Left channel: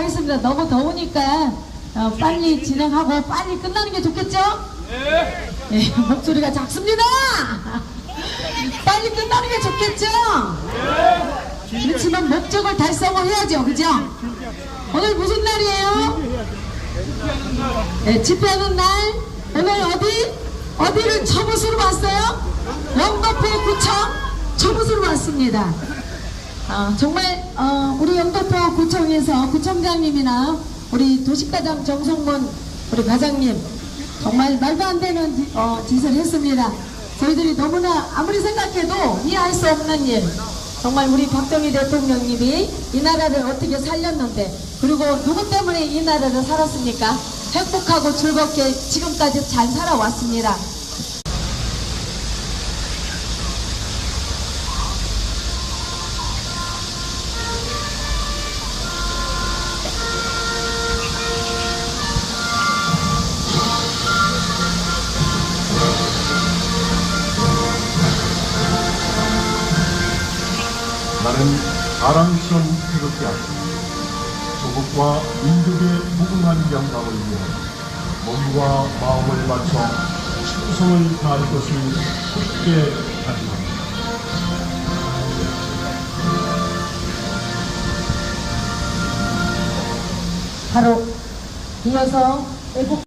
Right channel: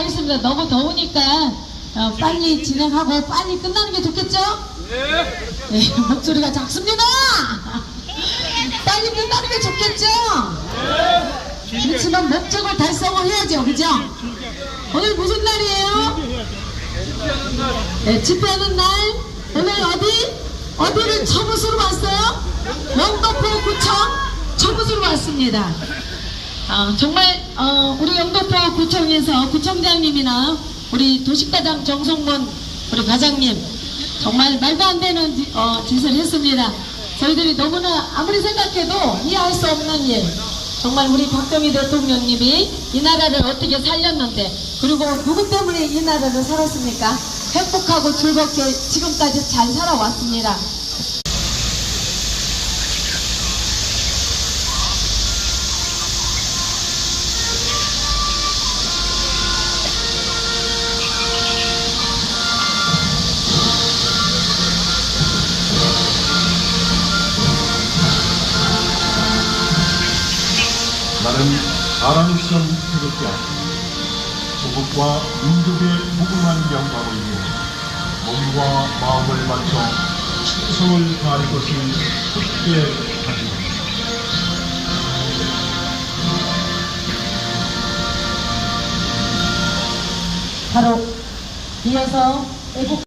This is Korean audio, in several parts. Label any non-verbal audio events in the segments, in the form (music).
하겠습니다. 너무 더우니까 어, 빨리 진행하고 빨리 끝나는 게 좋겠죠? 네. 목소리가 작습니다. (laughs) 빨리 끝나는 게 좋겠죠? 그렇지만 목적을 달성을 해야죠, 그죠? 오늘 무슨 날이에요? 네, 집회하는 날. 오늘 어디? 어디를 처부수로 왔어요? 영도포 구청 처부수로 왔습니다. 아, 정말 어, 우리 영도포 구청에서 구청장님이나 우리 도식과장 정성문 우리 과장님 정말 말도 안 되는 어, 짓을 했습니다. 저희들이 너무나 아무리 생각해도 이해할 수 없는 일. 정말 우리 박정희 대통령님이 이 나라를 어떻게 살렸는데 그리고 누구 때문에 이 나라를 살았습니까? 행복하고 즐겁게 지금까지 잘 살아왔습니다. 아랑선 태극기 앞에 조국과 민족의 무궁한 영광을 위해 몸과 마음을 바쳐 충성을 다할 것을 굳게 다짐합니다. 바로 이어서 애국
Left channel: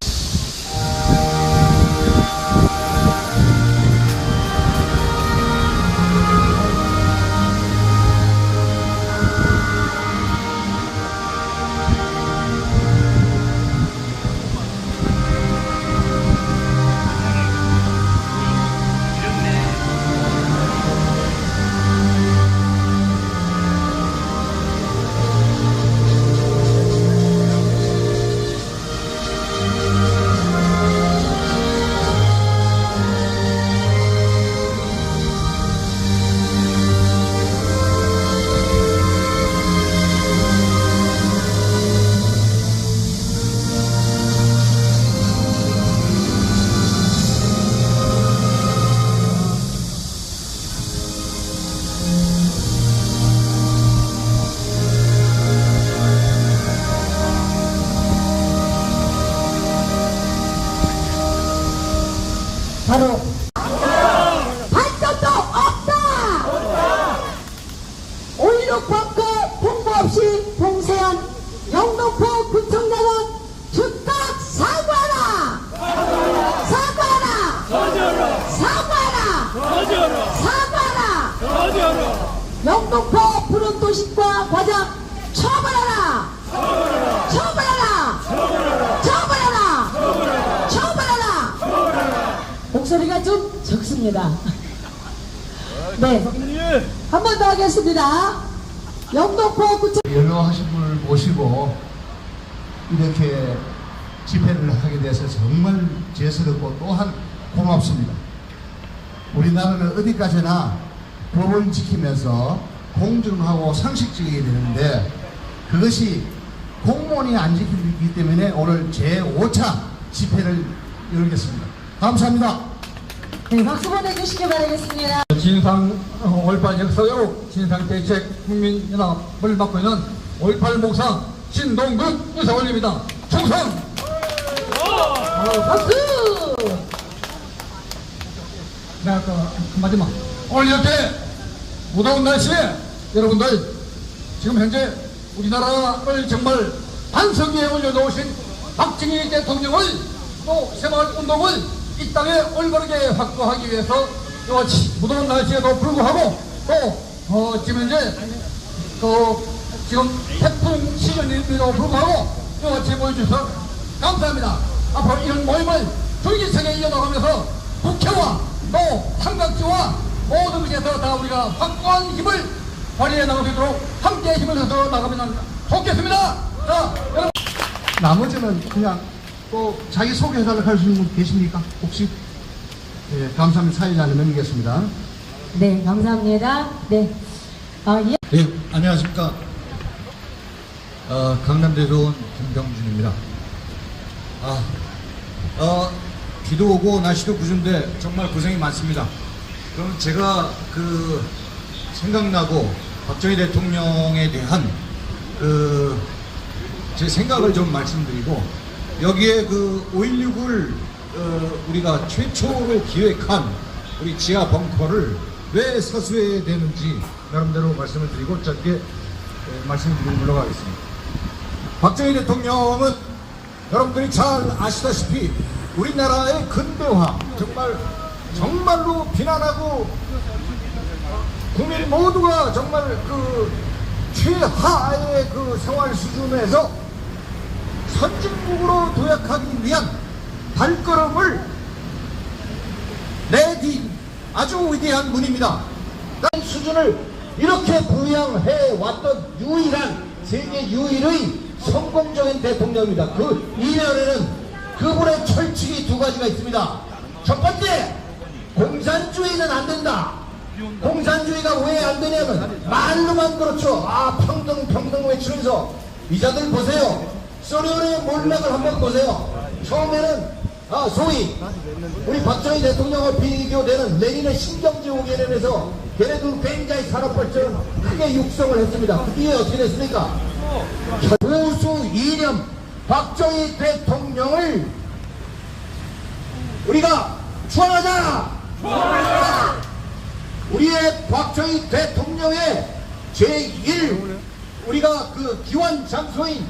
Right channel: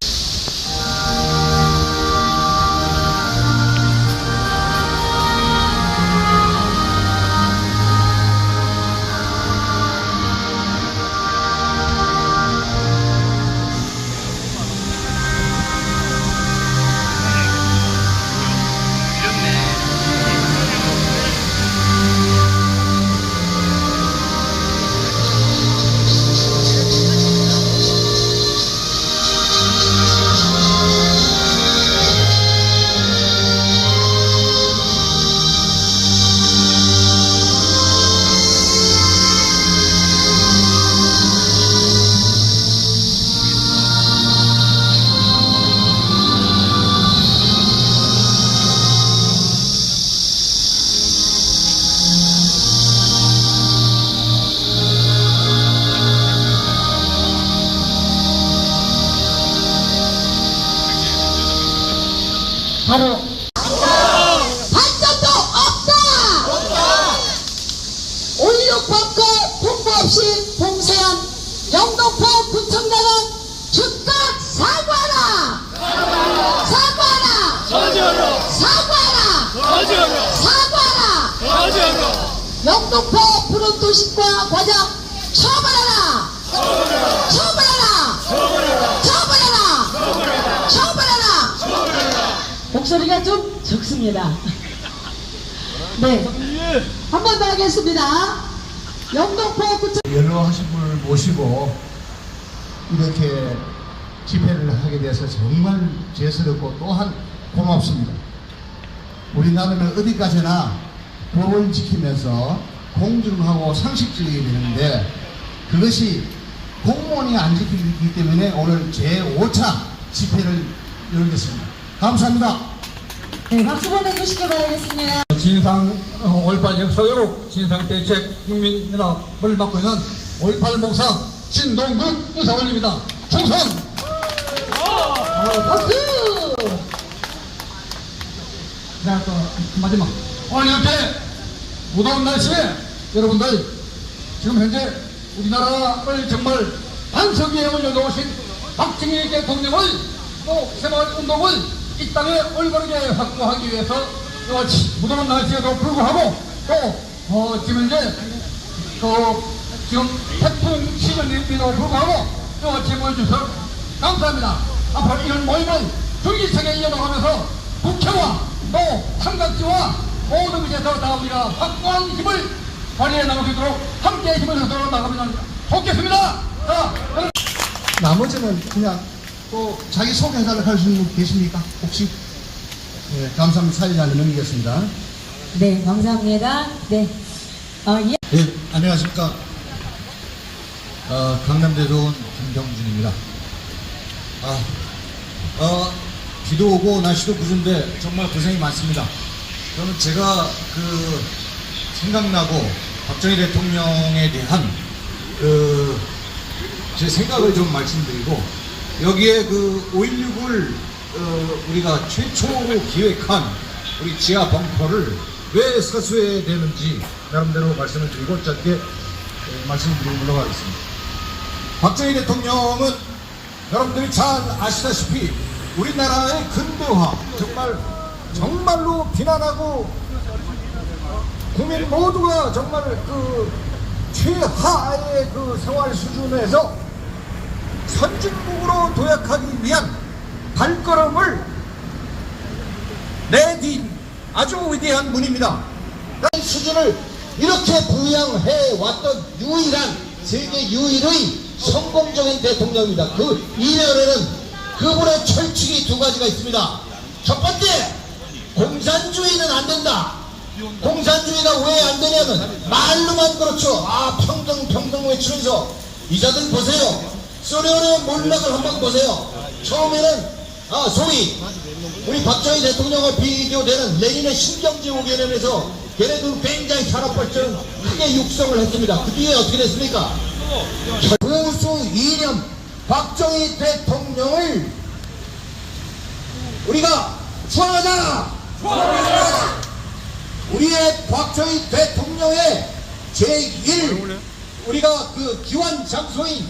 목소리가 좀 적습니다. 네. 한 번 더 하겠습니다. 영동포 구청 연로하신 분을 모시고 이렇게 집회를 하게 돼서 정말 죄스럽고 또한 고맙습니다. 우리나라는 어디까지나 법을 지키면서 공정하고 상식적이 되는데 그것이 공무원이 안 지키기 때문에 오늘 제5차 집회를 열겠습니다. 감사합니다. 네, 박수 보내주시기 바라겠습니다. 진상 5.18 역사회로 진상대책 국민연합을 맡고 있는 5.18 목사 신동국 의사 올립니다. 충성! 박수! 내가 또 마지막 오늘 이렇게 무더운 날씨에 여러분들 지금 현재 우리나라를 정말 반석위에 올려놓으신 박정희 대통령을 또 새마을 운동을 이 땅에 올바르게 확보하기 위해서 또 무더운 날씨에도 불구하고 또 어, 지금 현재 또 지금 태풍 시즌임에도 불구하고 또 같이 모여주셔서 감사합니다. 앞으로 이런 모임을 줄기차게 이어나가면서 국회와 또 삼각지와 모든 곳에서 다 우리가 확고한 힘을 발휘해 나갈 수 있도록 함께 힘을 내서 나가면 좋겠습니다. 자, 여러분. 나머지는 그냥 또 자기 소개해달라고 하시는 분 계십니까? 혹시? 네, 감사합니다. 안에 넘기겠습니다. 네, 감사합니다. 네. 어, 예. 네, 안녕하십니까. 어, 강남대소원 김병준입니다. 아, 어, 비도 오고 날씨도 구준데 정말 고생이 많습니다. 그럼 제가 그 생각나고 박정희 대통령에 대한 그 제 생각을 좀 말씀드리고 여기에 그 5.16을 어, 우리가 최초로 기획한 우리 지하 벙커를 왜 사수해야 되는지 나름대로 말씀을 드리고 짧게 예, 말씀드리고 물러가겠습니다. 박정희 대통령은 여러분들이 잘 아시다시피 우리나라의 근대화 정말 정말로 비난하고 국민 모두가 정말 그 최하의 그 생활 수준에서 선진국으로 도약하기 위한 발걸음을 내딘 아주 위대한 분입니다. 수준을 이렇게 부양해 왔던 유일한 세계 유일의 성공적인 대통령입니다. 그 이면에는 그분의 철칙이 두 가지가 있습니다. 첫 번째, 공산주의는 안 된다. 공산주의가 왜 안 되냐면 말로만 그렇죠. 아 평등 평등 외치면서 이자들 보세요. 소련의 몰락을 한번 보세요. 처음에는 아 소위 우리 박정희 대통령과 비교되는 레닌의 신경제오 개념에서 걔네들 굉장히 산업 발전 크게 육성을 했습니다. 그 뒤에 어떻게 됐습니까? 보수 이념 박정희 대통령을 우리가 추앙하자. 우리의 박정희 대통령의 제1 우리가 그 기원 장소인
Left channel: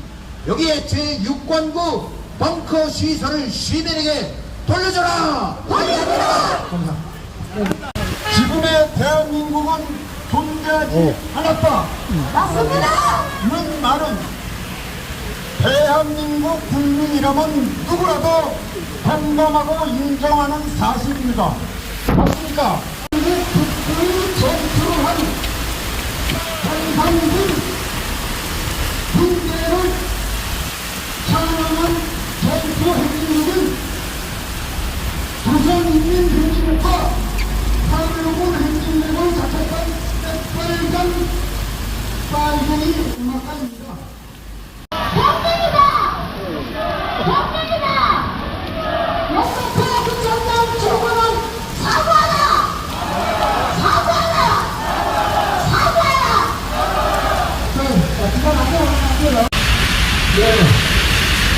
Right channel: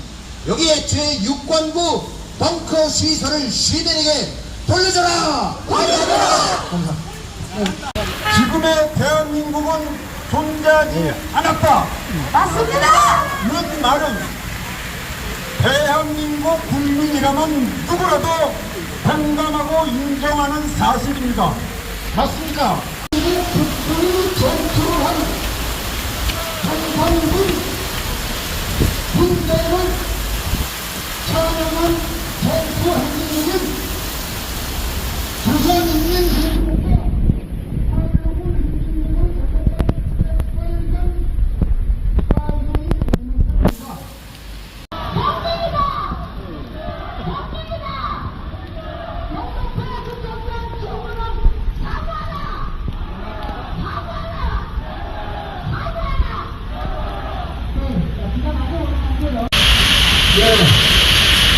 여기에 제6관구 벙커 시설을 시민에게 돌려줘라! 관리하라! 지금의 대한민국은 존재하지 않았다. 맞습니다. 이런 말은 대한민국 국민이라면 누구라도 공감하고 인정하는 사실입니다. 맞습니까? 그 전투를 한 한상군 군대를 찬양한 전투 행진국은 조선인민 행진국과 한국군 행진국을 자책한 빨간 빨갱이 음악가입니다. 역사의 그 전남 조국은 사과하라! 사과하라! 사과하라!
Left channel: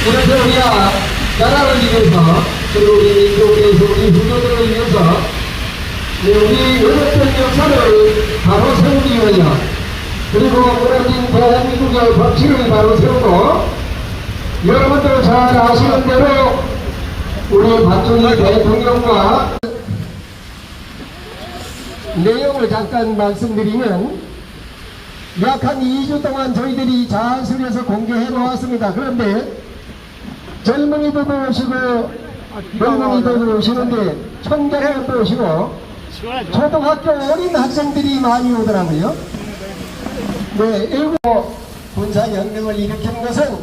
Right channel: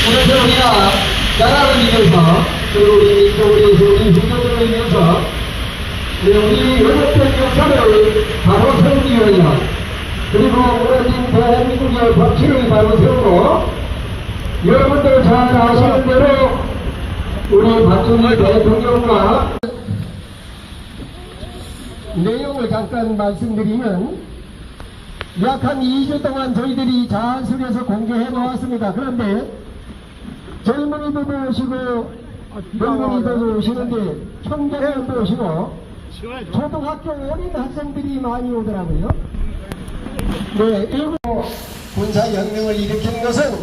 오늘 우리가 나라를 위해서 그리고 우리 또 우리 우리 후손들을 위해서 예, 우리 외롭된 역사를 바로 세우기 위하여 그리고 오래된 대한민국의 법치를 바로 세우고 여러분들 잘 아시는 대로 우리 박정희 대통령과 내용을 잠깐 말씀드리면 약 한 2주 동안 저희들이 자연스레서 공개해 놓았습니다. 그런데 젊은이들도 오시고 젊은이들도 오시는데 청장님도 오시고 초등학교 어린 학생들이 많이 오더라고요. 네, 일곱 군사연맹을 일으킨 것은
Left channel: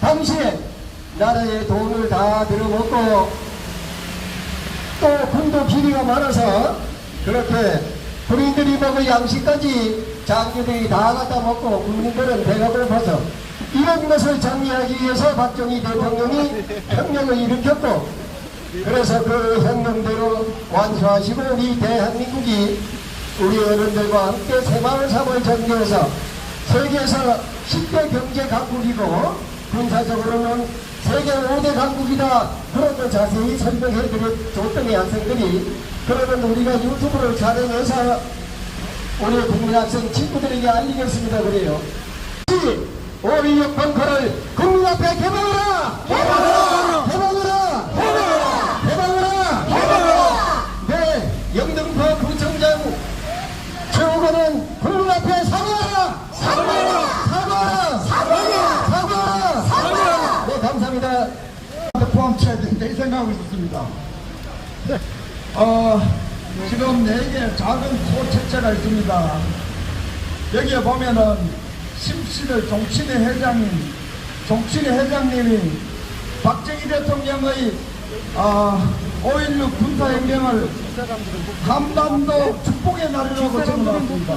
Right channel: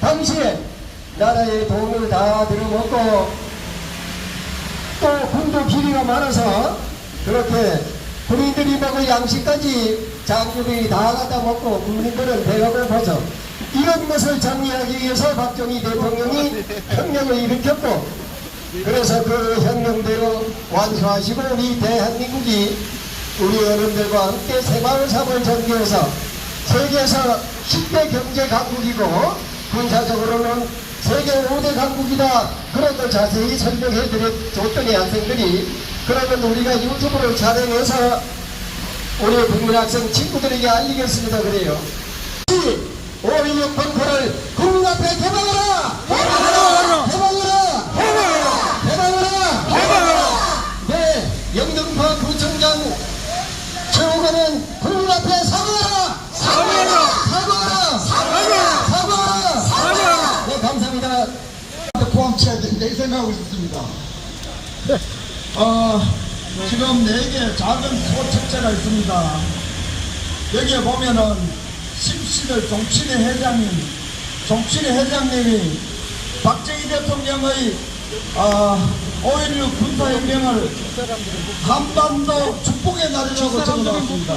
당시에 나라의 도움을 다 들어먹고 또 군도 비리가 많아서 그렇게 군인들이 먹을 양식까지 장교들이 다 갖다 먹고 국민들은 배가 고파서 이런 것을 정리하기 위해서 박정희 대통령이 혁명을 일으켰고 그래서 그 혁명대로 완수하시고 우리 대한민국이 우리 어른들과 함께 새마을 삶을 전개해서 세계에서 10대 경제 강국이고 군사적으로는 세계 5대 강국이다 그런 걸 자세히 설명해 드렸더니 학생들이 그러면 우리가 유튜브를 촬영해서 우리 국민학생 친구들에게 알리겠습니다 그래요 516 벙커를 국민 앞에 개방하라! 개방하라! 개방하라! 개방하라! 개방하라! 네, 영등포 구청장 최호건은 국민 앞에! 사과하라! 사과하라! 사과하라! 사과하라! 사과하라! 네, 감사합니다. 쳐야 된다 이 생각하고 있었습니다. 어, 지금 네개 작은 소책자가 있습니다. 여기에 보면은 심신을 종친회 회장님, 종친회 회장님이 박정희 대통령의 어, 5.16 군사혁명을 한반도 축복의 날이라고 적어놨습니다.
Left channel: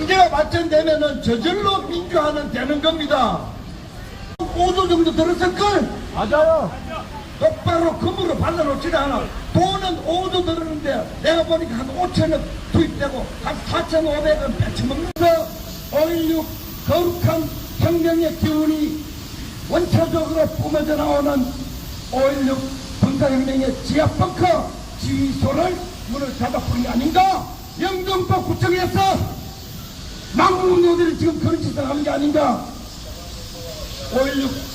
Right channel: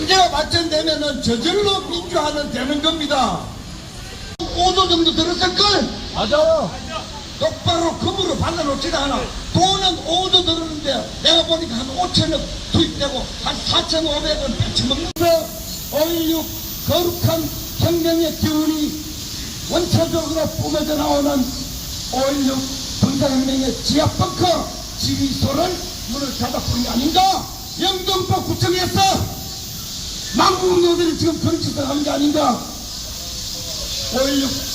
경제가 발전되면은 저절로 민주화는 되는 겁니다. 5도 정도 들었을걸? 맞아요. 똑바로 금으로 발라놓지도 않아. 돈은 5도 들었는데 내가 보니까 한 5천억 투입되고 한 4,500원 배쳐먹는다. 5.16 거룩한 혁명의 기운이 원초적으로 뿜어져 나오는 5.16 군사혁명의 지하벙커 지휘소를 문을 닫아버린 게 아닌가? 영등포 구청에서 망국녀들이 지금 그런 짓을 하는 게 아닌가? 5.16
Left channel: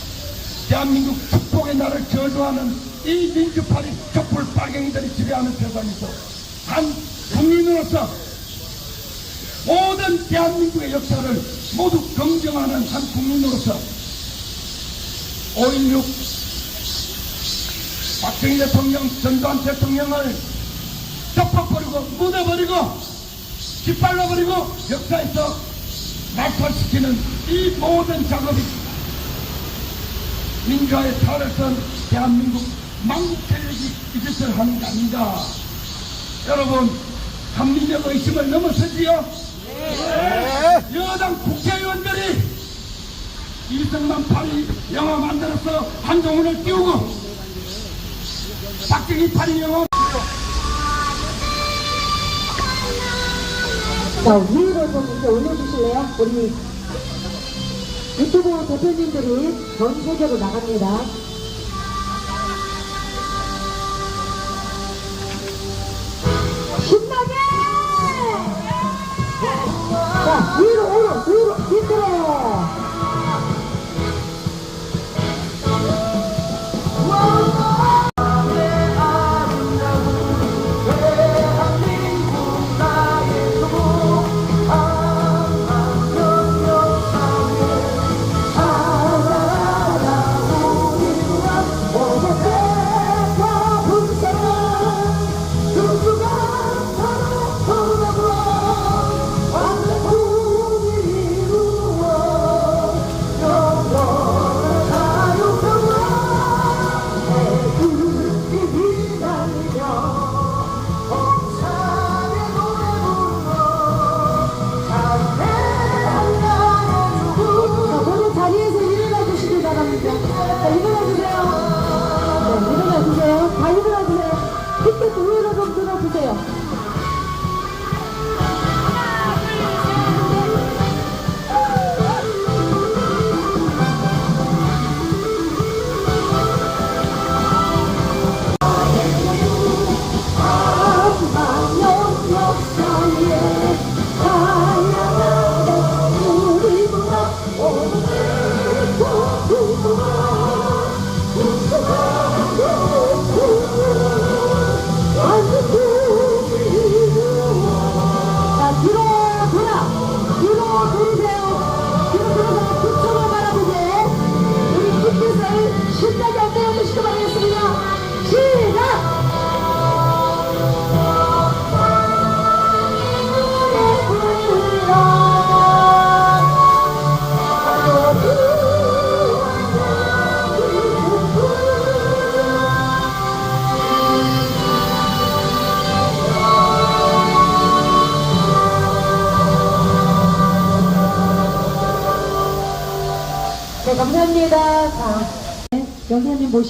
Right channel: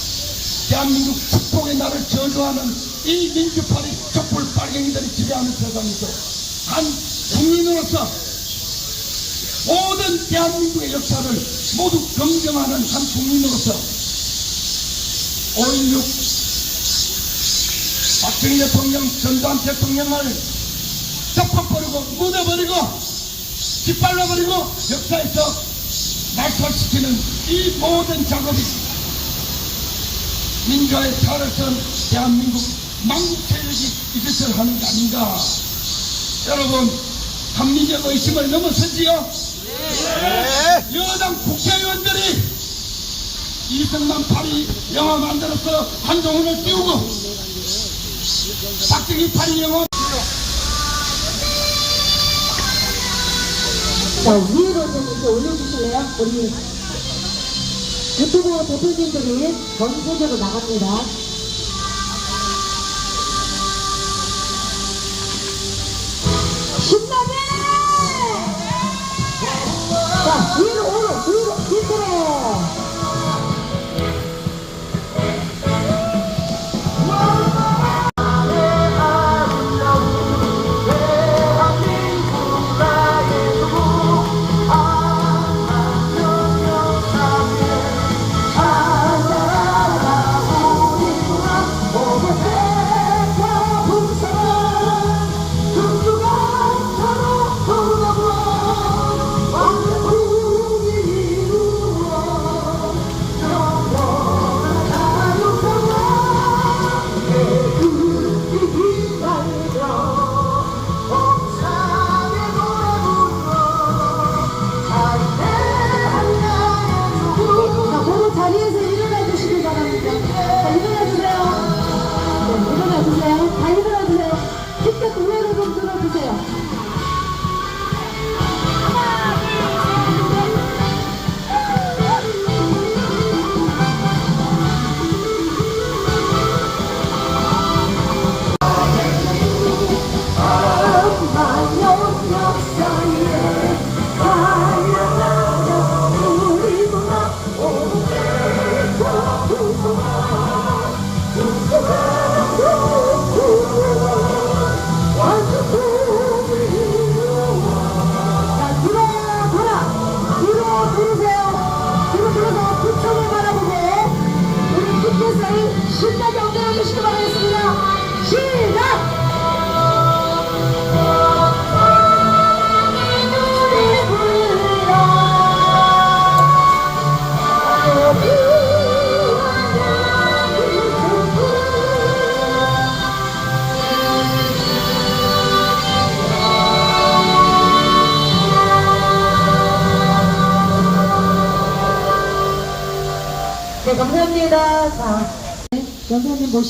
대한민국 축복의 날을 저주하는 이 민주파리 촛불 빨갱이들이 지배하는 세상에서 한 국민으로서 모든 대한민국의 역사를 모두 긍정하는 한 국민으로서 5.16 박정희 대통령, 전두환 대통령을 덮어버리고 묻어버리고 깃발라버리고 역사에서 낙찰시키는 이 모든 작업이 민주화의 선 대한민국 망국체력이 이것을 하는 게 아닌가. 여러분 한민족 의심을 넘어서지요? 여당 국회의원들이 이승만 파리 영화 만들어서 한동훈을 띄우고 박정희 파리 영화 자, 위로 좀 이제 올려주실래요? 우리 유튜브 대표님들이 전수적으로 나갑니다.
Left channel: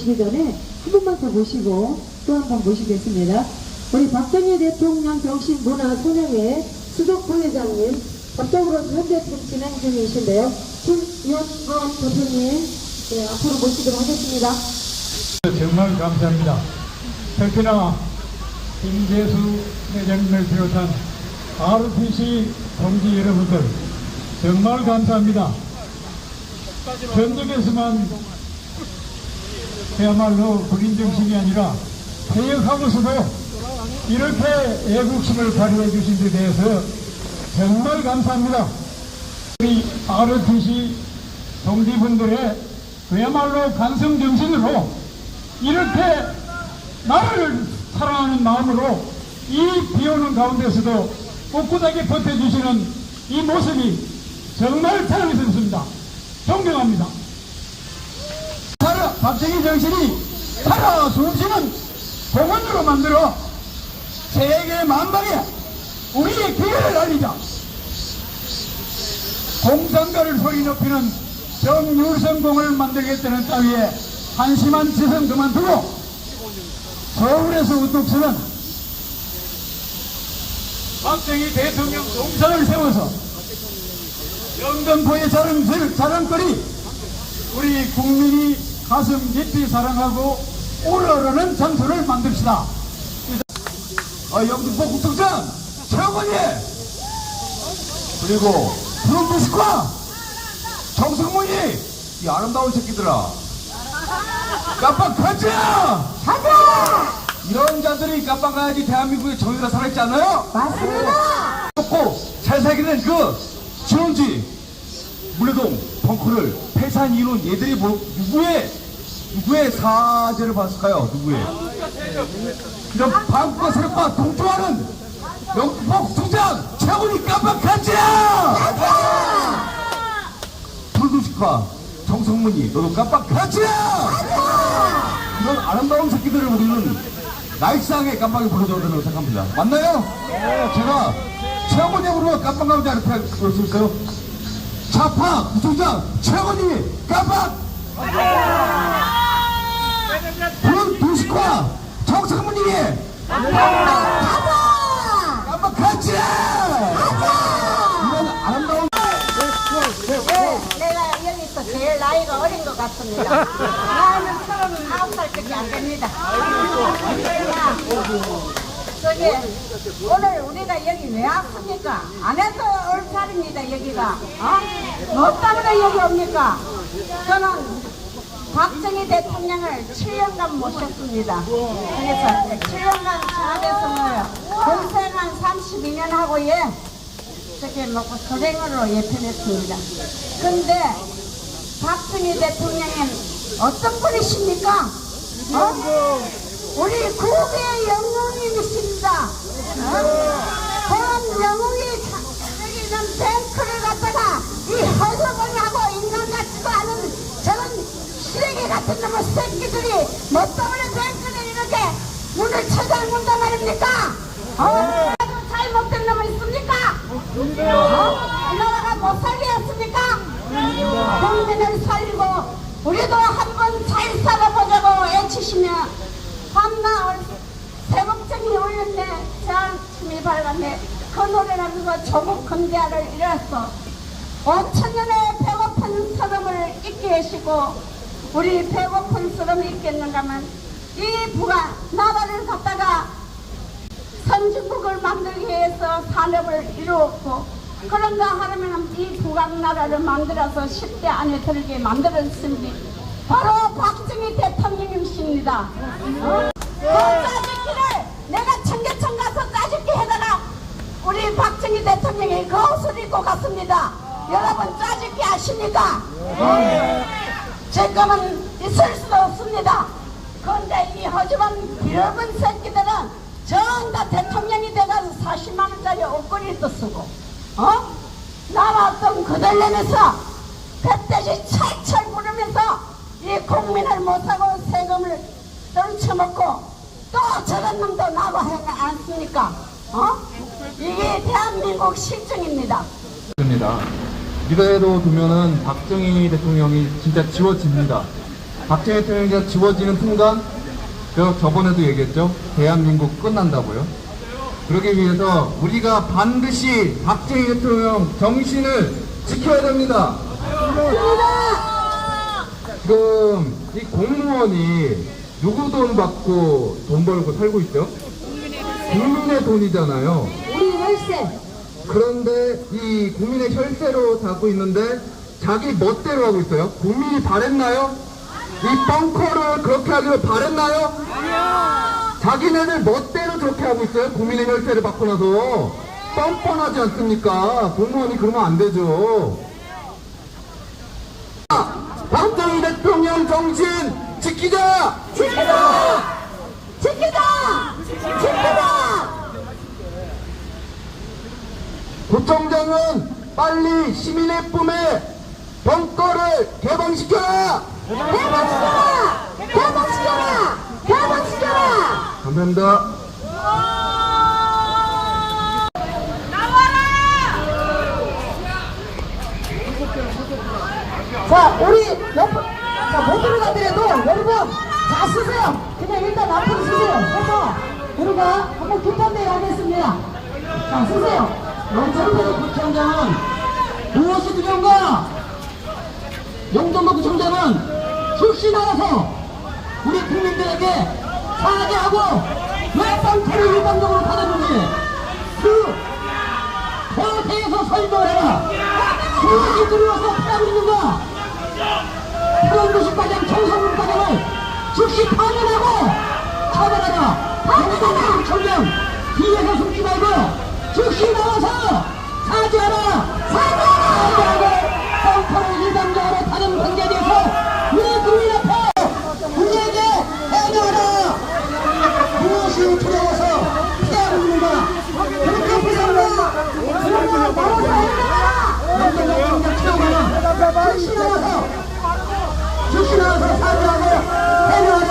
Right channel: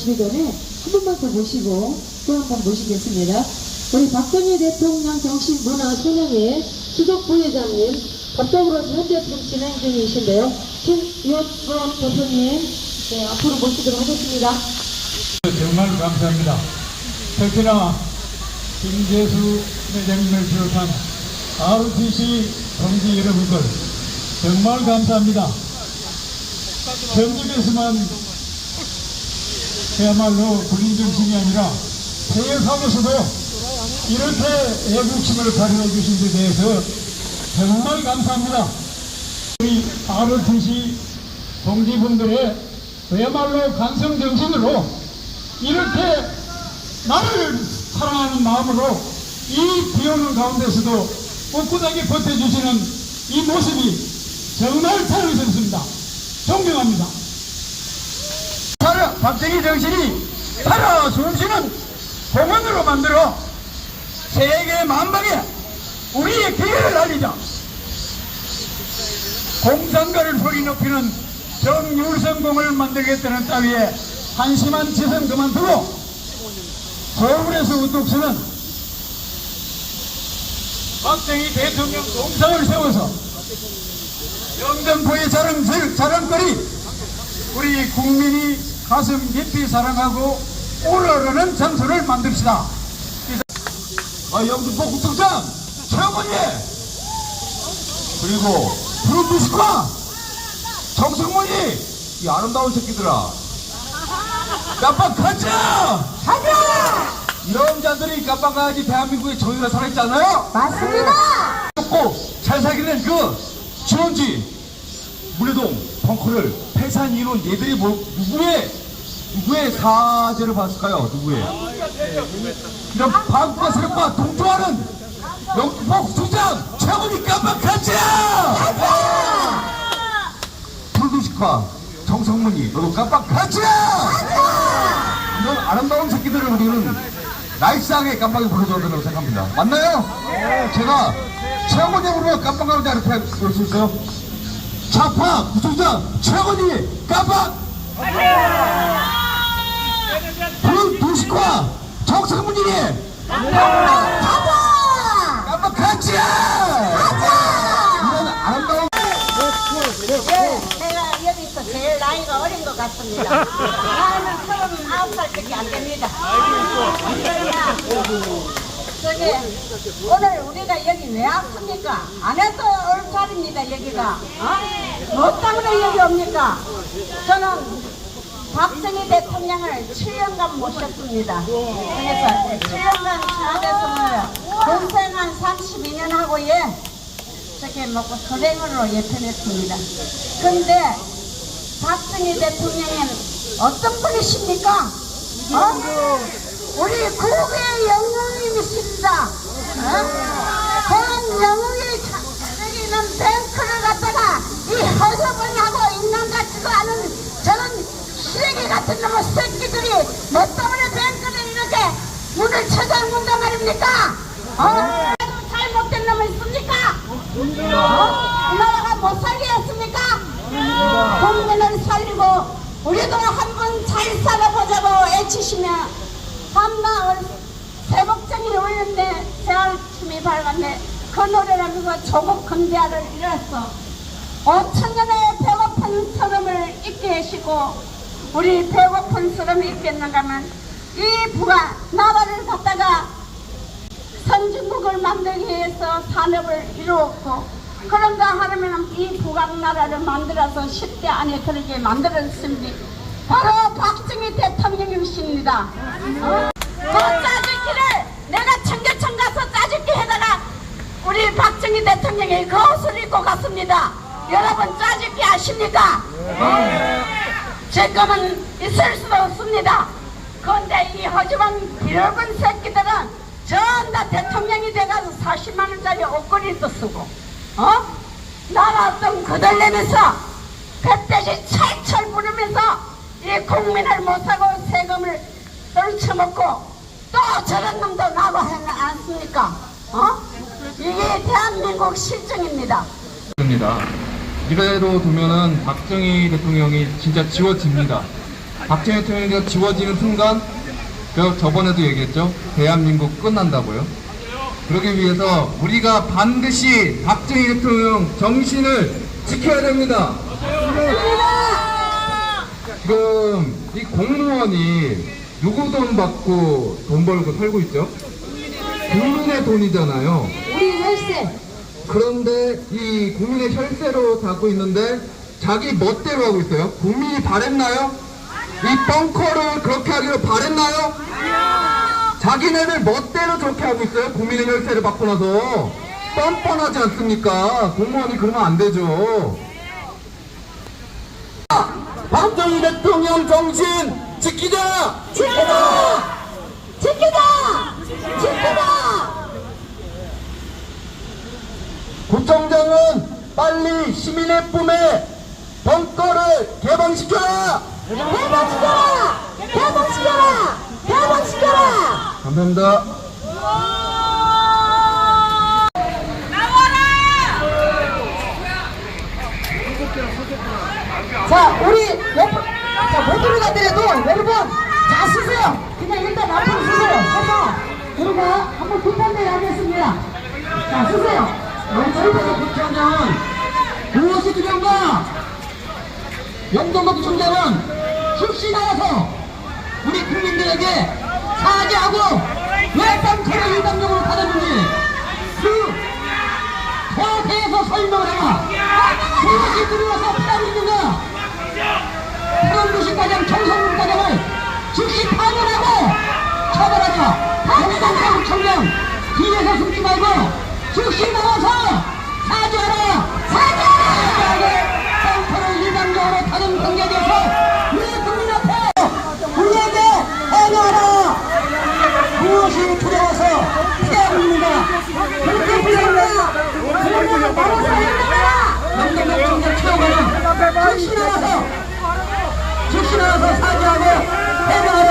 모시기 전에 한 번만 더 모시고 또 한번 모시겠습니다. 우리 박정희 대통령 정신문화소녀회 수석 부회장님, 법적으로 현재 지금 진행 중이신데요. 김의원권 대표님, 네, 앞으로 모시도록 하겠습니다. 정말 감사합니다. 특히나 김재수 회장님을 비롯한 RTC 동지 여러분들 정말 감사합니다. 전국에서만 그야말로 군인 정신이 아니라 퇴역하고서도 이렇게 애국심을 발휘해 주신 데 대해서 정말 감사합니다. 우리 RTC 동지분들의 그야말로 간성 정신으로 이렇게 나를 사랑하는 마음으로 이 비오는 가운데서도 꿋꿋하게 버텨주시는 이 모습이 정말 자랑스럽습니다. 존경합니다. 박정희 정신이 살아 숨쉬는 병원으로 만들어 세계 만방에 우리의 기회를 알리자. 공산가를 소리 높이는 정율성공을 만들겠다는 따위에 한심한 짓은 그만두고 서울에서 우뚝 서는 박정희 대통령 동상을 세워서 영등포의 자랑, 자랑거리 우리 국민이 가슴 깊이 사랑하고 우러르는 장소를 만듭시다. 아, 영등포 국정장 최영원이 그리고 푸른 비스과 정승문이 이 아름다운 새끼들아 깜빡하자 가자 이런 자들이 깜빡가야지 대한민국의 정의가 살아있지 않아요? 맞습니다. 고잘 살기는 그 지원지 물레동 벙커를 폐산 이유는 얘들이 뭐 누구의 누구의 사죄를 받았을까요? 누구의? 이런 반과 세력과 동조하는 영국 국장 최고니 깜빡하지야 불도식과 정성문이 너도 깜빡하지야 이런 아름다운 새끼들을 우리는 나이스하게 깜빡이 불러줘야 된다고 생각합니다. 맞나요? 네. 제가 최고니 부르면 깜빡하는지 이렇게 그럴 수 있어요? 좌파 구청장 최고니 깜빡! 불 도식과 정성문이 깜빡하지 이런 아름다운 예, 내가 여기서 제일 나이가 어린 것 같습니다. 나이는 서른 아홉 살밖에 안 됩니다. 저기 오늘 우리가 여기 왜 왔습니까? 안에서 올 자리입니다 여기가. 어? 뭐 때문에 여기 옵니까? 저는 박정희 대통령을 7년간 모셨습니다. 그래서 7년간 청와대에서? 군생한 32년 하고 예. 저렇게 먹고 소생으로 예편했습니다. 근데 박정희 대통령은 어떤 분이십니까? 어? 우리 국의 영웅님이십니다. 어? 그런 영웅이 자- 여기는 뱅크를 갖다가 이 허접을 하고 있는 같지도 않은 저런 쓰레기 같은 놈의 새끼들이 뭐 때문에 뱅크를 이렇게 문을 쳐들문단 말입니까? 어? 아주 잘못된 놈이 있습니까? 어? 이 나라가 못 살게 했습니까? 국민을 살리고 우리도 한번 잘 살아보자고 애치시면 밤나을 새벽정이 울렸네 새알침이 밝았네 그 노래를 하면서 조국 근대화를 이뤘어 5천년의 배고픈 서름을 잊게 하시고 우리 배고픈 서름이 있겠는가 하면 이 부가 나라를 갖다가 선진국을 만들기 위해서 산업을 이루었고 그런가 하려면 이 북악나라를 만들어서 10대 안에 들게 만들었습니다. 바로 박정희 대통령이십니다. 어? 그 짜집기를 내가 청계천 가서 짜집기 해다가 우리 박정희 대통령이 그 옷을 입고 갔습니다. 여러분 짜집기 아십니까? 제 거는 있을 수도 없습니다. 그런데 이 허접한 비열분 새끼들은 전 다 대통령이 돼가지고 40만 원짜리 옷걸이도 쓰고 어? 나왔던 그들 내면서 뱃대지 철철 부르면서 이 국민을 못하고 세금을 떨쳐먹고 또 저런 놈도 나고 하지 않습니까? 어? 이게 대한민국 실정입니다. 입니다. 이대로 두면은 박정희 대통령이 진짜 지워집니다. 박정희 대통령이 지워지는 순간, 저 저번에도 얘기했죠. 대한민국 끝난다고요. 그러기 위해서 우리가 반드시 박정희 대통령 정신을 지켜야 됩니다. 지금 이 공무원이 누구 돈 받고 돈 벌고 살고 있죠? 국민의 돈이잖아요. 우리 월세. 그런데 이 국민의 혈세로 살고 있는데 자기 멋대로 하고 있어요. 국민이 바랬나요? 이 벙커를 그렇게 하기로 바랬나요? 자기네들 멋대로 좋게 하고 있어요. 국민의 혈세를 받고 나서 뻔뻔하지 않습니까? 공무원이 그러면 안 되죠. 박정희 대통령 정신! 지키자! 지키자! 지키자! 구청장은 빨리 시민의 꿈에 벙커를 개방시켜라! 개방시켜라! 개방시켜라! 개방시켜라! 감사합니다. 자, 우리 옆, 자, 못 들어가더라도 여러분, 자, 쓰세요. 그냥 일단 앞으로 쓰세요. 서서, 우리가 한번 급한대를 하겠습니다. 자, 쓰세요. 영천도 구청장은 무엇이 두렵냐? 영동도 구청장은 즉시 나와서 우리 국민들에게 사죄하고 왜 뻥커를 일방적으로 받아주니 그 대해서 설명을 해라. 무엇이 두려워서 피하고 있는가? 태원도시과장 청소문과장을 즉시 파면하고 처벌하라. 말고 즉시 나와서 사죄하라! 사죄하고 펑커를 일방적으로 다른 관계에 대해서 우리 국민 앞에 우리에게 해명하라! 무엇이 피하고 있는가? 그렇게 사죄하라! 영경경 처음에는 즉시 나와서 즉시 나와서 사죄하고 해명하라!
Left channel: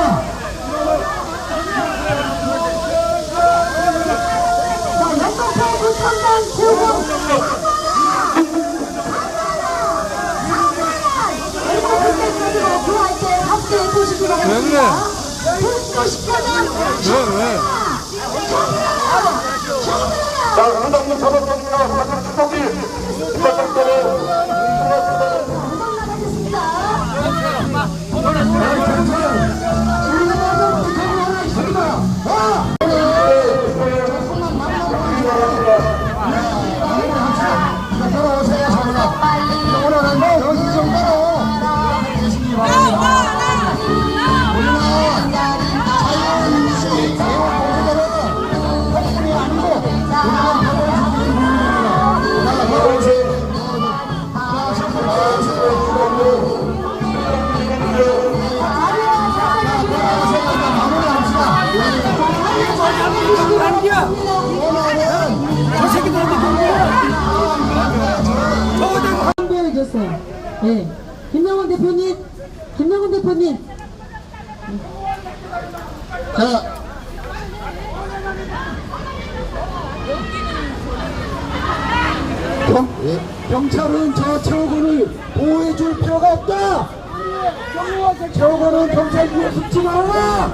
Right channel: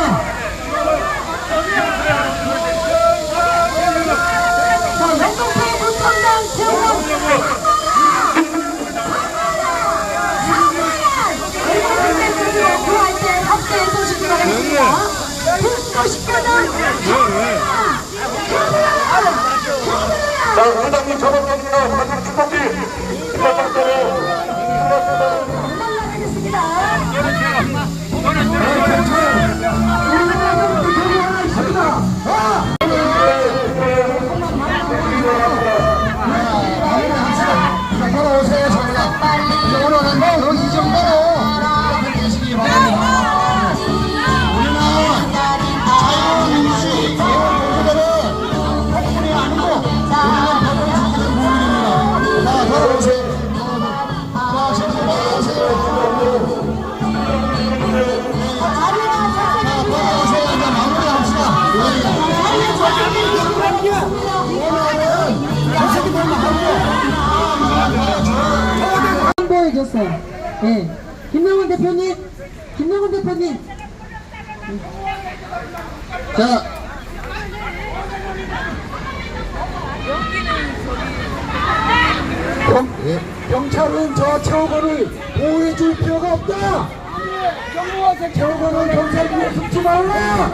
왜 그래? 회장님 저번입니다. 회장님 축복기. 해줬어요 네. 김명훈 대표님, 김명훈 대표님. 자, 경, 예. 경찰은 저 최고를 보호해줄 필요가 없다. 최고는 경찰 뒤에 숨지 말라.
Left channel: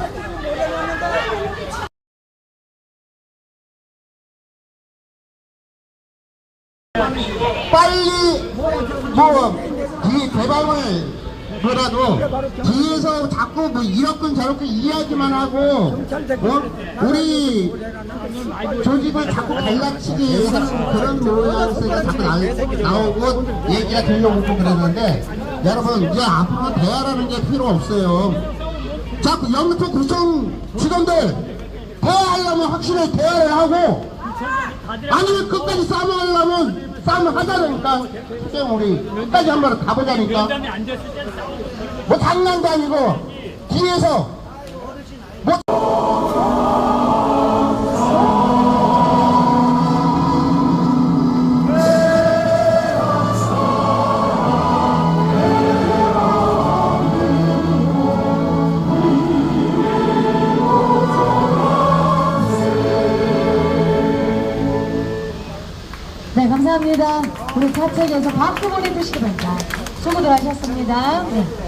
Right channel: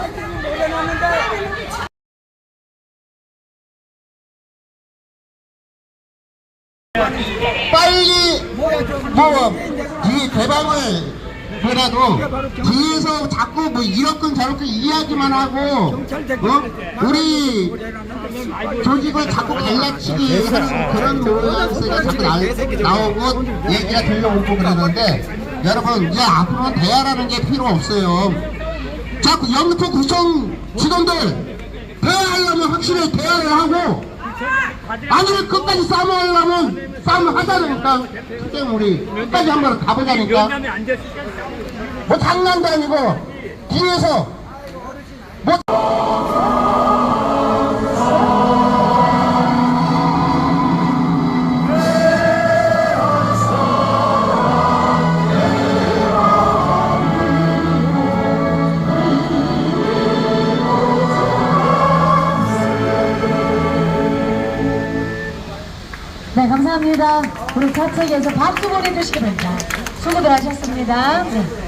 빨리 뭐 뒤에 대방을 그래도 뒤에서 자꾸 뭐 이렇건 저렇건 이야기만 하고 어? 우리 조직을 자꾸 갈라치기 하는 그런 모양새가 자꾸 나, 나오고 얘기가 들려오고 그러는데 여러분 이제 앞으로 대화라는 게 필요 없어요 자꾸 영토 구청 직원들 대화하려면 확실히 대화를 하고 아니면 끝까지 싸움을 하려면 싸움을 하자니까 그때 우리 끝까지 한번 가보자니까. 뭐 장난도 아니고 뒤에서 뭐 우리 사측에서 박수 보내주시기 바랍니다. 수고들 하셨습니다. 네.